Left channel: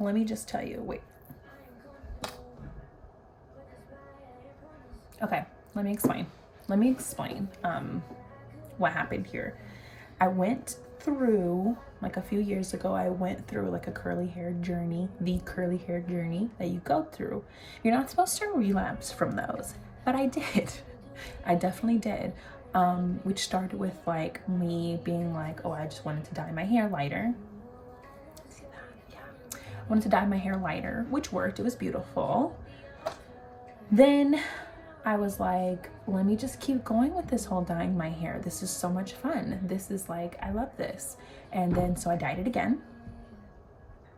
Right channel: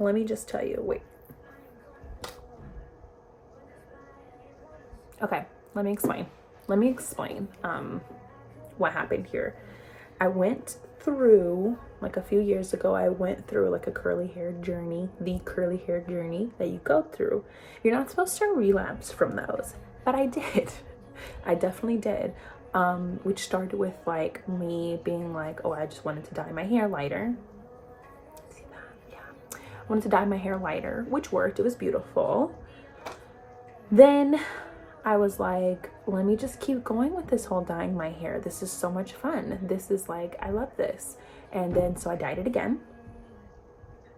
let me just tell you, wait. Okay, let me explain. What happened here. I went through, like a few years ago, I went through like a curly hair journey, the curly hair journey that you go through. You're not supposed to relapse from those, but I did. I definitely did. Which started with like me being like, oh, I just wanted to dye my hair lighter. See that? Yeah. I wanted to dye my hair lighter, which worked. It was beautiful. Then I was like, let me just keep going with this whole dyeing my hair. This is so much fun. This is like, I love this. And then, so I dyed it again.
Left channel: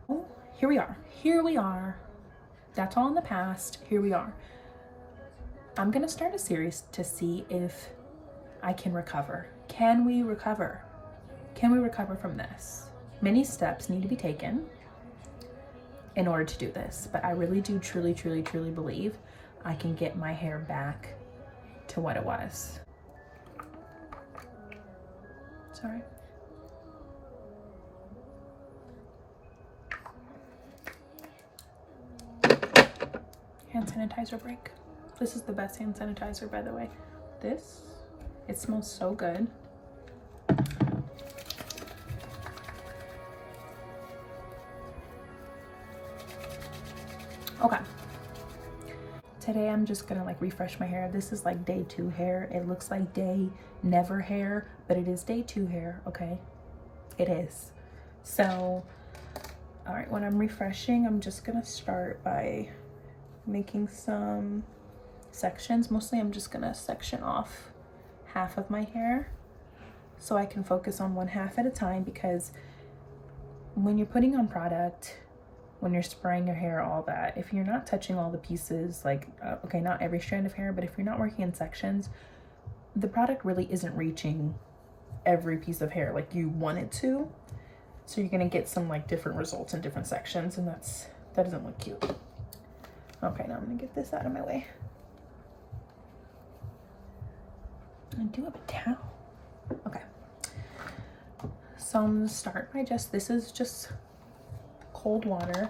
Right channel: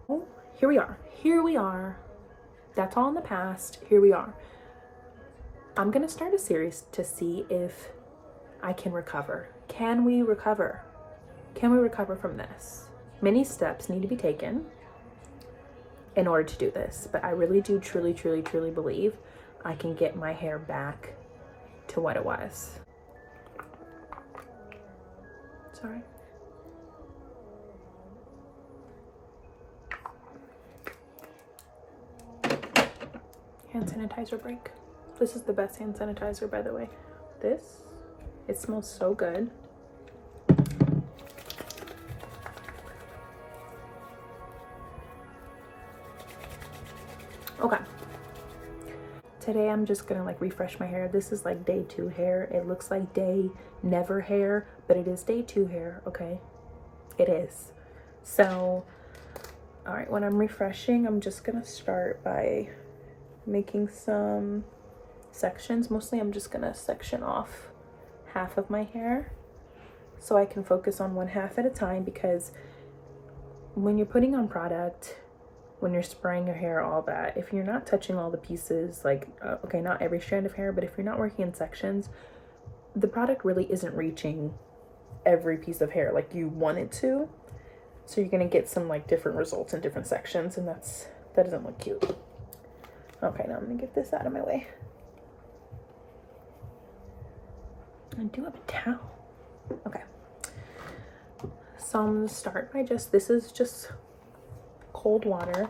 Oh, here we are. Here we are. That's all in the past. Here we are. I'm gonna start a series to see if I can recover. Can we recover? Can we recover from this? Many steps need to be taken in order to do this, but I really do truly, truly, truly believe I can get my hair back to what it was. Sorry. Hand sanitizer break. This is the best hand sanitizer, by the way. This, it smells so good. Okay. Today I'm just gonna like refresh my hair. This is like day 2 hair. It looks like day never hair, but it is day 2 hair, okay? It is. So, all right, when I'm refreshing, I'm just gonna start by making some sections. Mostly I'm just gonna section off half of my hair so I can focus on one half at a time, because when you're putting on product, when you're spraying your hair, all that, if you're not touching all the pieces, like, okay, not every strand of hair, but if you're not working in sections, the product really isn't reaching every piece of hair like you want it to. So you're gonna get some like different results in different sections, and that doesn't look cute. Okay, now I'm gonna get this out of my way. I do have a towel. Okay. So I'm gonna start by this is just cold water,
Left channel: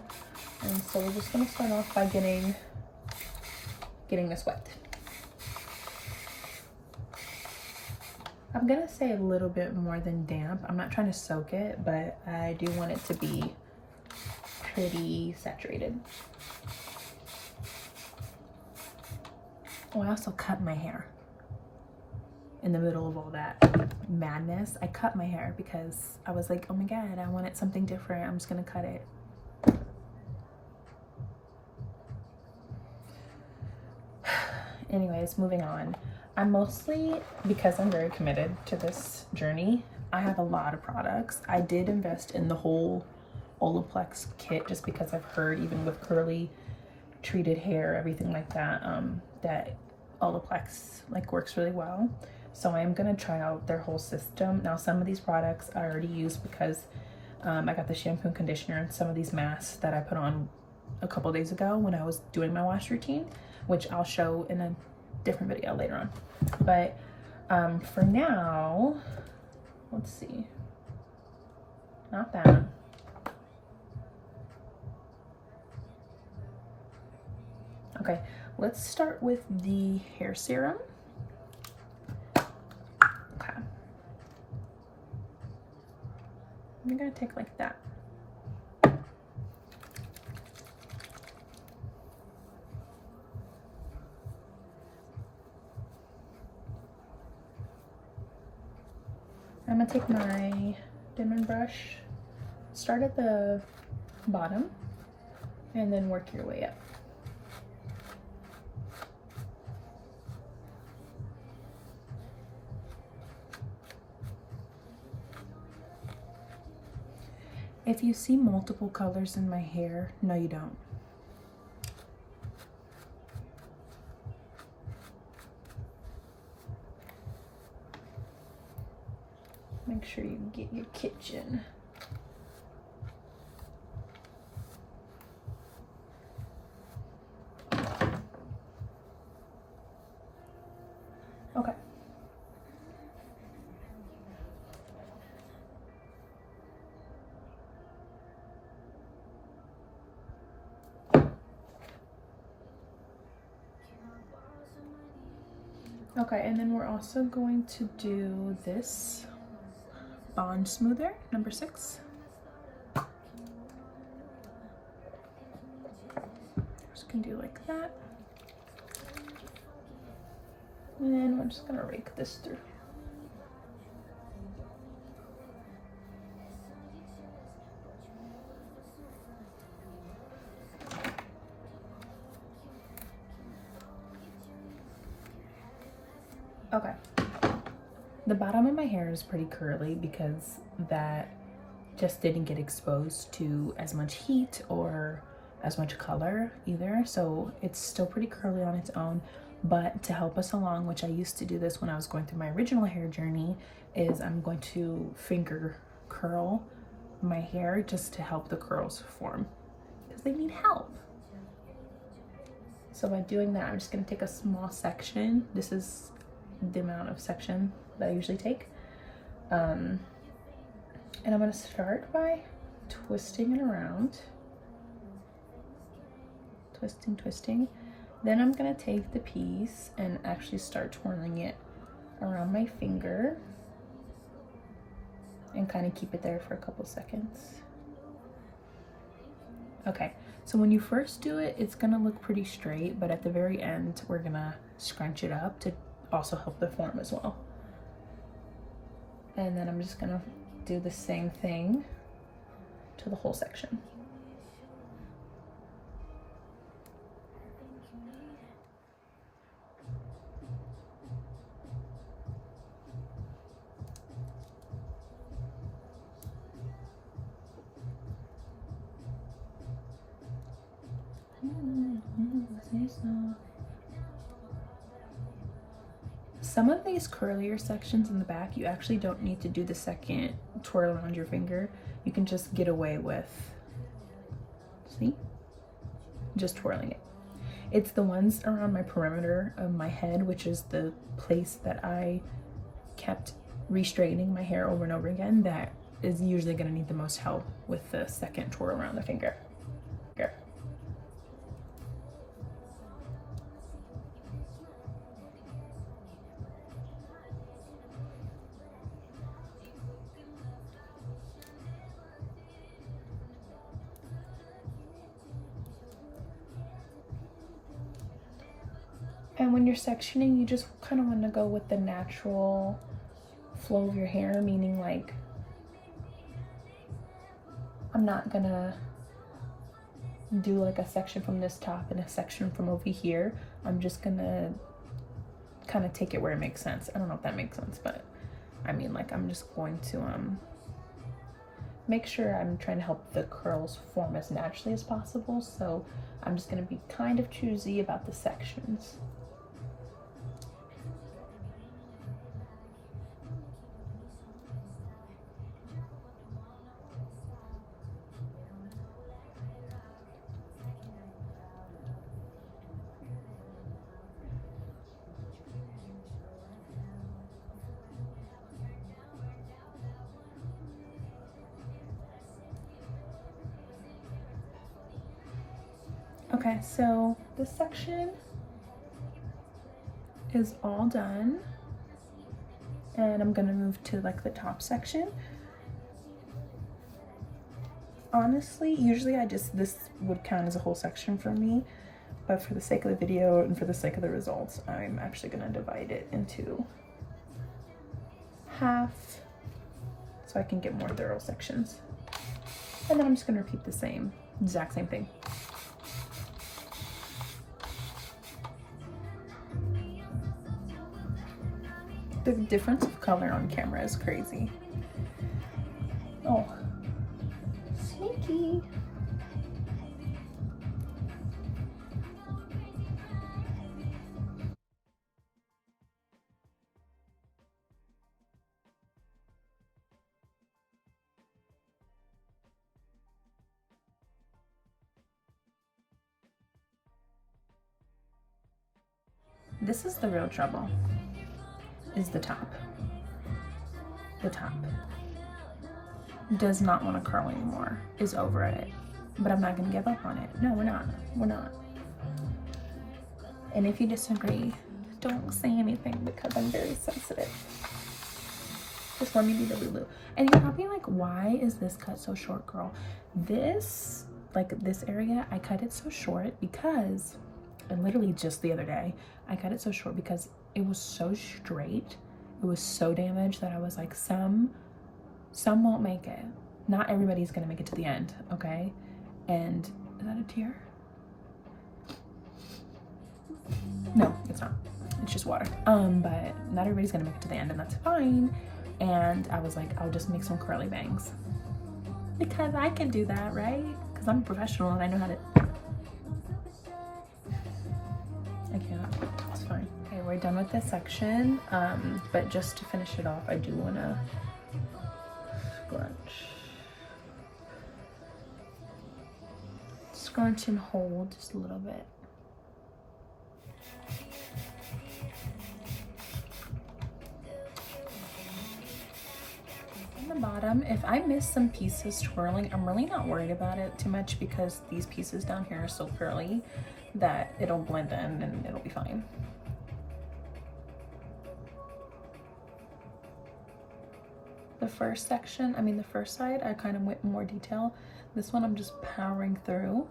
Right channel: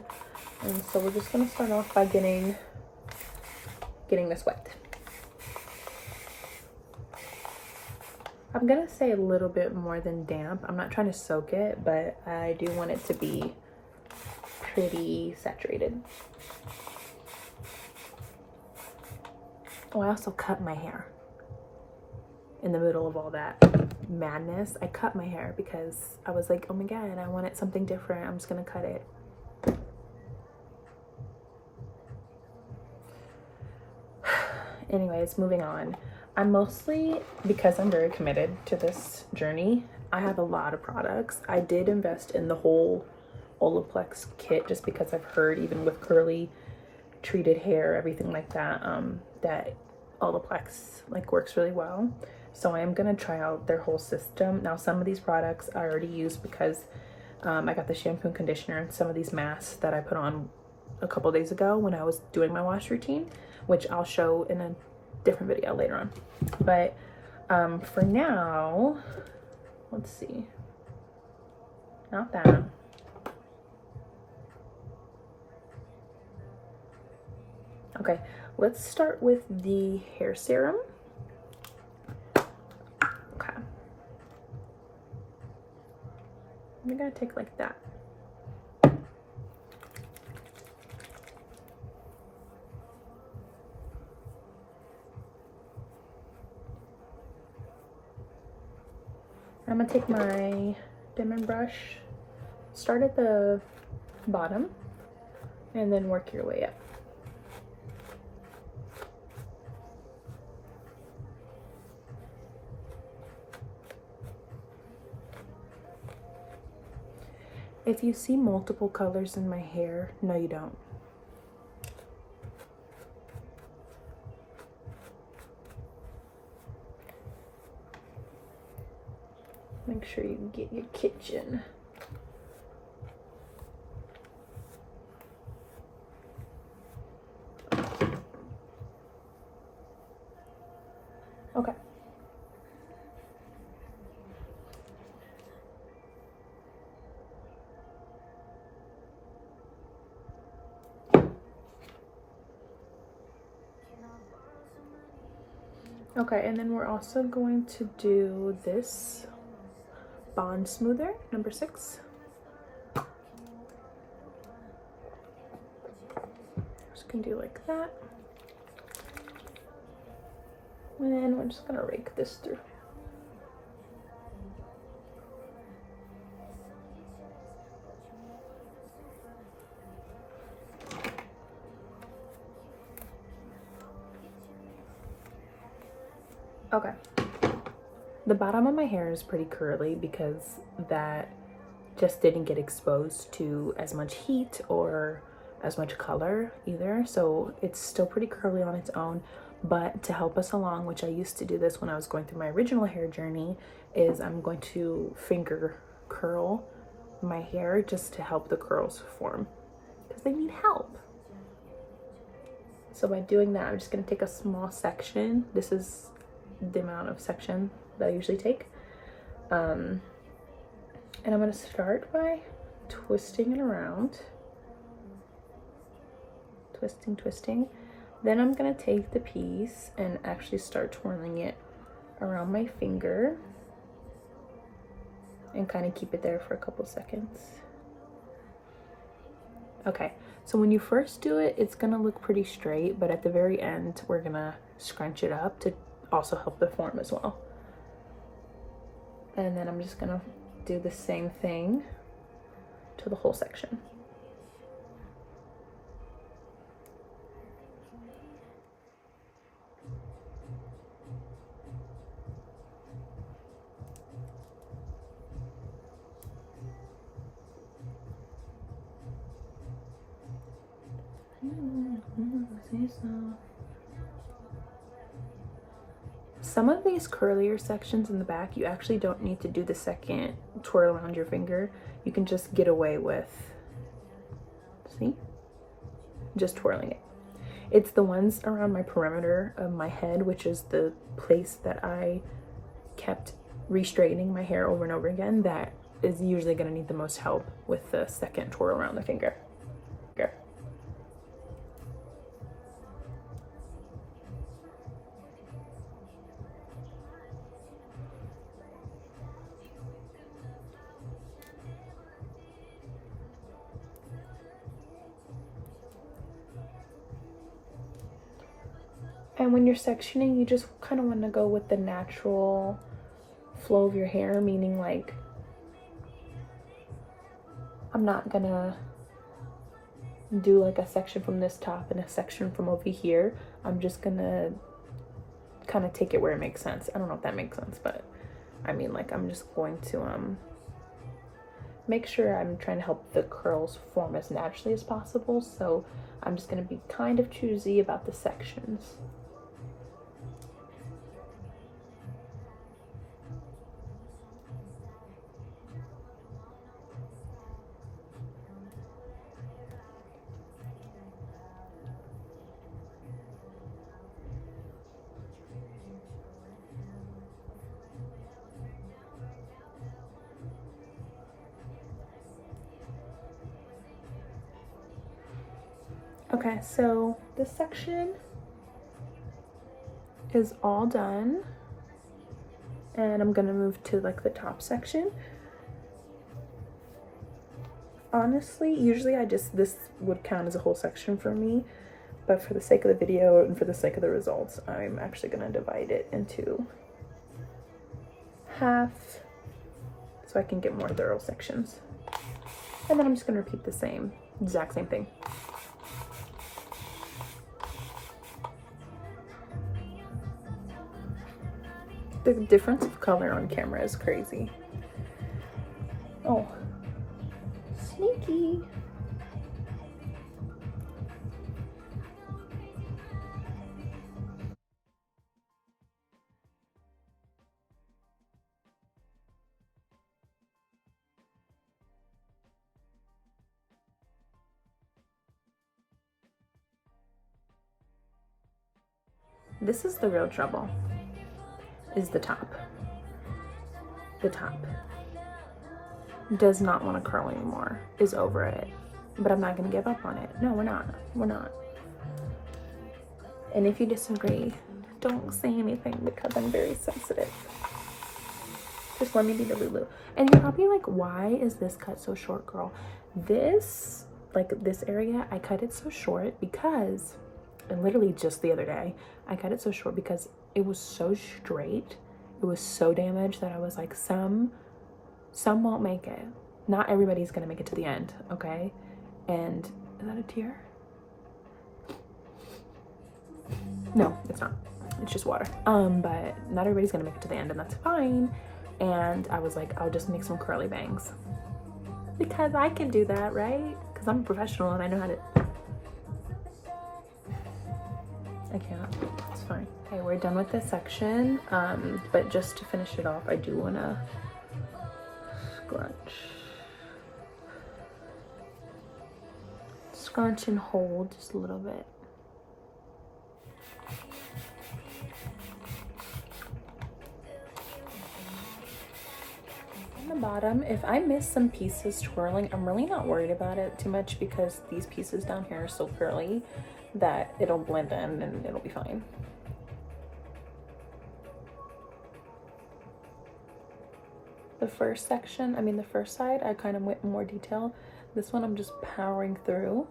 and so we're just gonna start off by getting this wet. I'm gonna say a little bit more than damp. I'm not trying to soak it, but I do want it to be pretty saturated. Oh, I also cut my hair in the middle of all that madness. I cut my hair because I was like, oh my god, I wanted something different. I'm just gonna cut it. Anyways, moving on. I'm mostly, because I'm very committed to this journey, I have a lot of products. I did invest in the whole Olaplex kit just because I've heard, even with curly treated hair, everything like that, that Olaplex like works really well. So I am gonna try out their whole system. Now, some of these products I already use because I got the shampoo and conditioner and some of these masks that I put on a couple days ago when I was doing my wash routine, which I'll show in a different video later on. But for now, let's see. Not that. Okay, let's start with the hair serum. Okay. I'm gonna take like that. I'm gonna take my Denman brush, start at the bottom, and then work your way up. If you see multiple colors in my hair, no you don't. Make sure you get your kitchen. Okay. Okay, and then we're also going to do this Bond Smoother, number 6. Just gonna do like that. And we're just gonna rake this through. Okay. The bottom of my hair is pretty curly because that just didn't get exposed to as much heat or as much color either. So it's still pretty curly on its own. But to help us along, which I used to do this when I was going through my original hair journey, is I'm going to finger curl my hair just to help the curls form because they need help. So by doing that, I'm just gonna take a small section. This is the amount of section that I usually take. And I'm gonna start by twisting it around. Twisting. Then I'm gonna take the piece and actually start twirling it around my finger and kind of keep it there for a couple seconds. Okay, so when you first do it, it's gonna look pretty straight, but at the very end, we're gonna scrunch it up to also help the form as well. And then I'm just gonna do the same thing to the whole section. Some of these curlier sections in the back, you actually don't need to do the second twirl around your finger. You can just get away with, see? Just twirling it. It's the ones around my perimeter of my head, which is the place that I kept re-straightening my hair over and over again, that is usually gonna need the most help with the second twirl around the finger. And when you're sectioning, you just kind of want to go with the natural flow of your hair, meaning like I'm not gonna do like a section from this top and a section from over here. I'm just gonna kind of take it where it makes sense. I don't know if that makes sense, but I mean, like, I'm just going to make sure I'm trying to help the curls form as naturally as possible. So I'm just gonna be kind of choosy about the sections. Okay, so this section is all done, and I'm gonna move to like the top section. Honestly, usually this would count as a whole section for me, but for the sake of the video and for the sake of the results, I'm actually gonna divide it into half so I can get more thorough sections. And then I'm just gonna repeat the exact same thing. The difference of color on camera is crazy. Oh, sneaky. This is the real trouble, is the top. The top does not want to curl anymore, is over it, but I'm not gonna give up on it. No, we're not. And if you disagree, don't say anything because I'm very sensitive. Just let me be the Lulu. And you're probably like, why is this cut so short, girl? This, like this area, I cut it so short because, and literally just the other day, I cut it so short because it was so straight. It was so damaged that I was like, some won't make it. Not everybody's gonna make it to the end, okay? And is that a tear? No, it's not. It's just water. But not everybody's gonna make it to the end, and that's fine. And I was like, I'll just make some curly bangs because I can do that, right? Because I'm a professional and I know how to. I can't. It's fine. Okay, we're done with this section. But just to finish it off, I do wanna scrunch and hold just a little bit. On the bottom, if I miss some pieces twirling, I'm really not worried about it too much because these pieces down here are so curly that it'll blend in and it'll be fine. The first section, the first side, I kind of went in more detail. This one I'm just powering through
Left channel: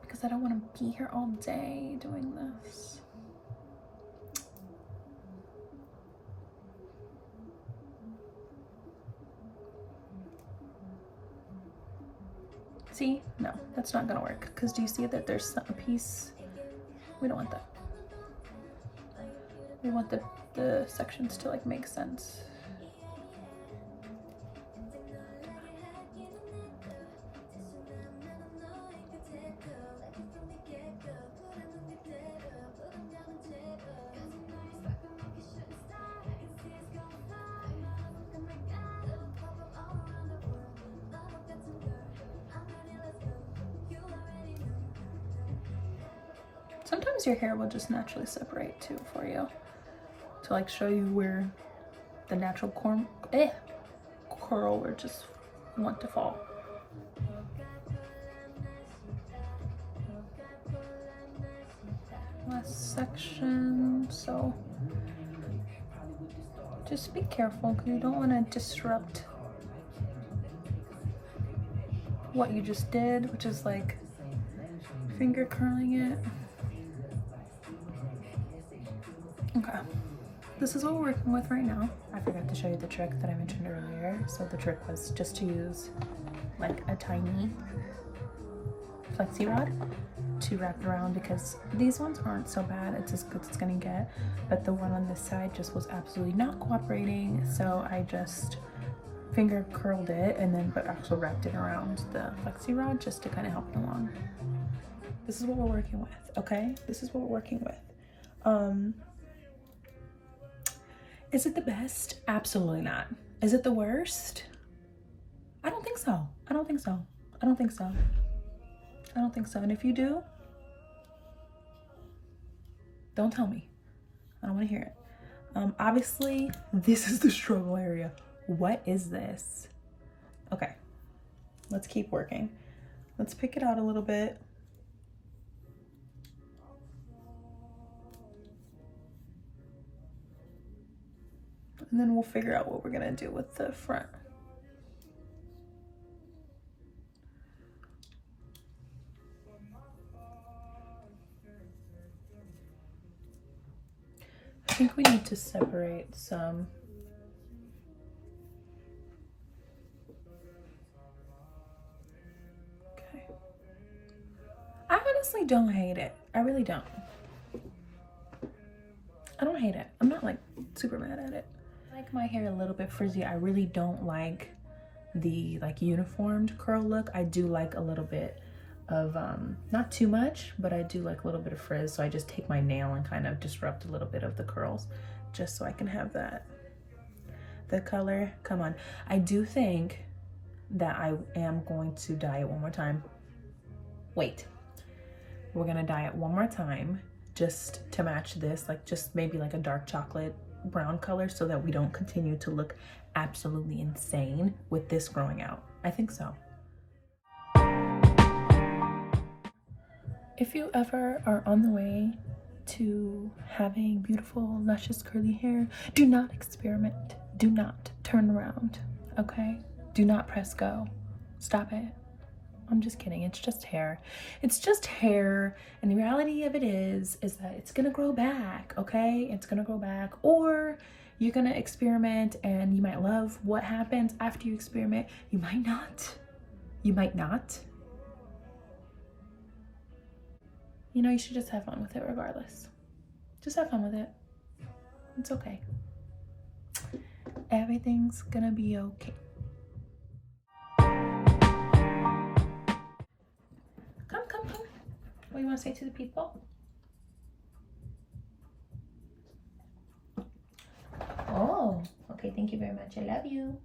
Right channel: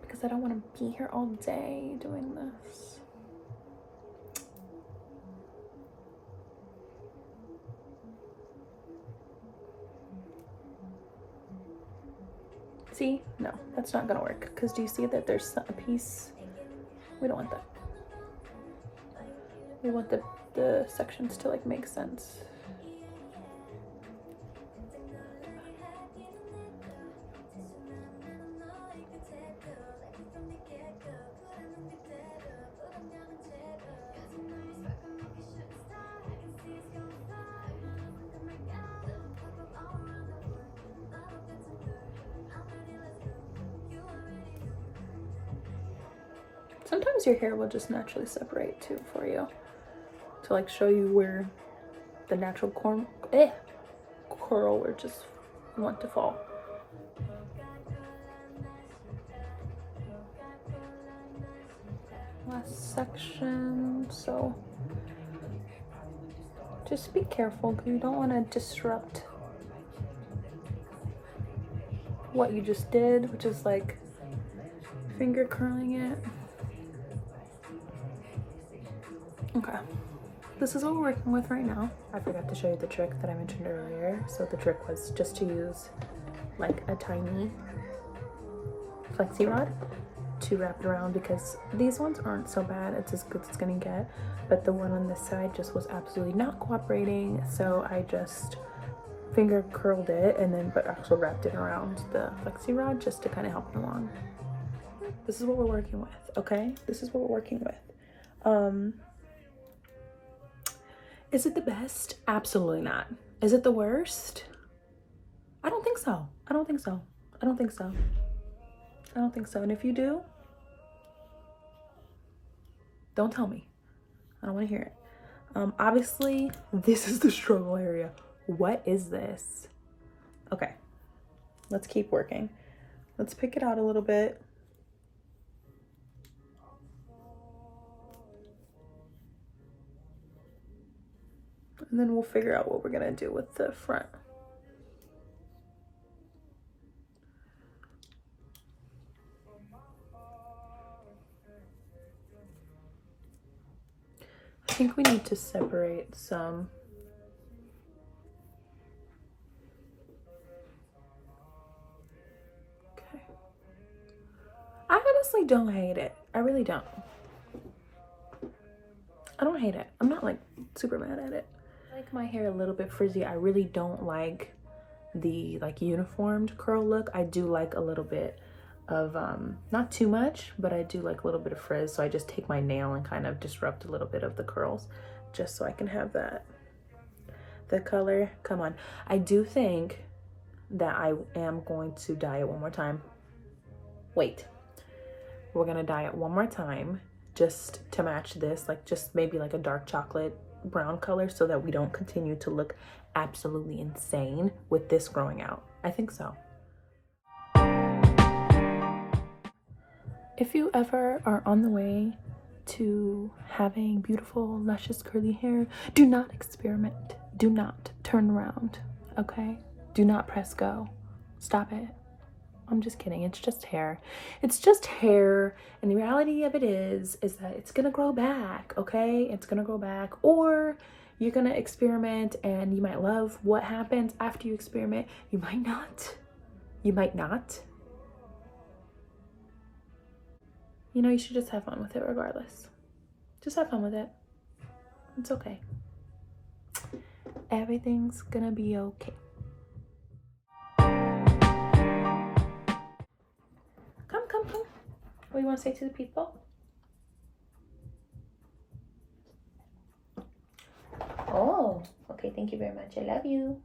because I don't want to be here all day doing this. See? No, that's not gonna work because do you see that there's a piece? We don't want that. We want the sections to like make sense. Sometimes your hair will just naturally separate too for you to like show you where the natural curl would just want to fall. Last section, so just be careful because you don't want to disrupt what you just did, which is like finger curling it. Okay, this is what we're working with right now. I forgot to show you the trick that I mentioned earlier. So the trick was just to use like a tiny flexi rod to wrap it around because these ones aren't so bad. It's as good as it's gonna get, but the one on this side just was absolutely not cooperating. So I just finger curled it and then but also wrapped it around the flexi rod just to kind of help it along. This is what we're working with, okay? This is what we're working with. Is it the best? Absolutely not. Is it the worst? I don't think so. I don't think so. I don't think so. I don't think so. And if you do, don't tell me. I don't want to hear it. Obviously, this is the struggle area. What is this? Okay, let's keep working. Let's pick it out a little bit. And then we'll figure out what we're gonna do with the front. I think we need to separate some. Okay. I honestly don't hate it. I really don't. I don't hate it. I'm not like super mad at it. I like my hair a little bit frizzy. I really don't like the like uniformed curl look. I do like a little bit of not too much, but I do like a little bit of frizz. So I just take my nail and kind of disrupt a little bit of the curls just so I can have that. The color, come on. I do think that I am going to dye it one more time. Wait, we're gonna dye it one more time just to match this, like just maybe like a dark chocolate brown color so that we don't continue to look absolutely insane with this growing out. I think so. If you ever are on the way to having beautiful, luscious, curly hair, do not experiment. Do not turn around, okay? Do not press go. Stop it. I'm just kidding. It's just hair. It's just hair. And the reality of it is that it's gonna grow back, okay? It's gonna grow back. Or you're gonna experiment and you might love what happens after you experiment. You might not. You might not. You know, you should just have fun with it regardless. Just have fun with it. It's okay. Everything's gonna be okay. Come. What do you want to say to the people? Oh, okay. Thank you very much. I love you.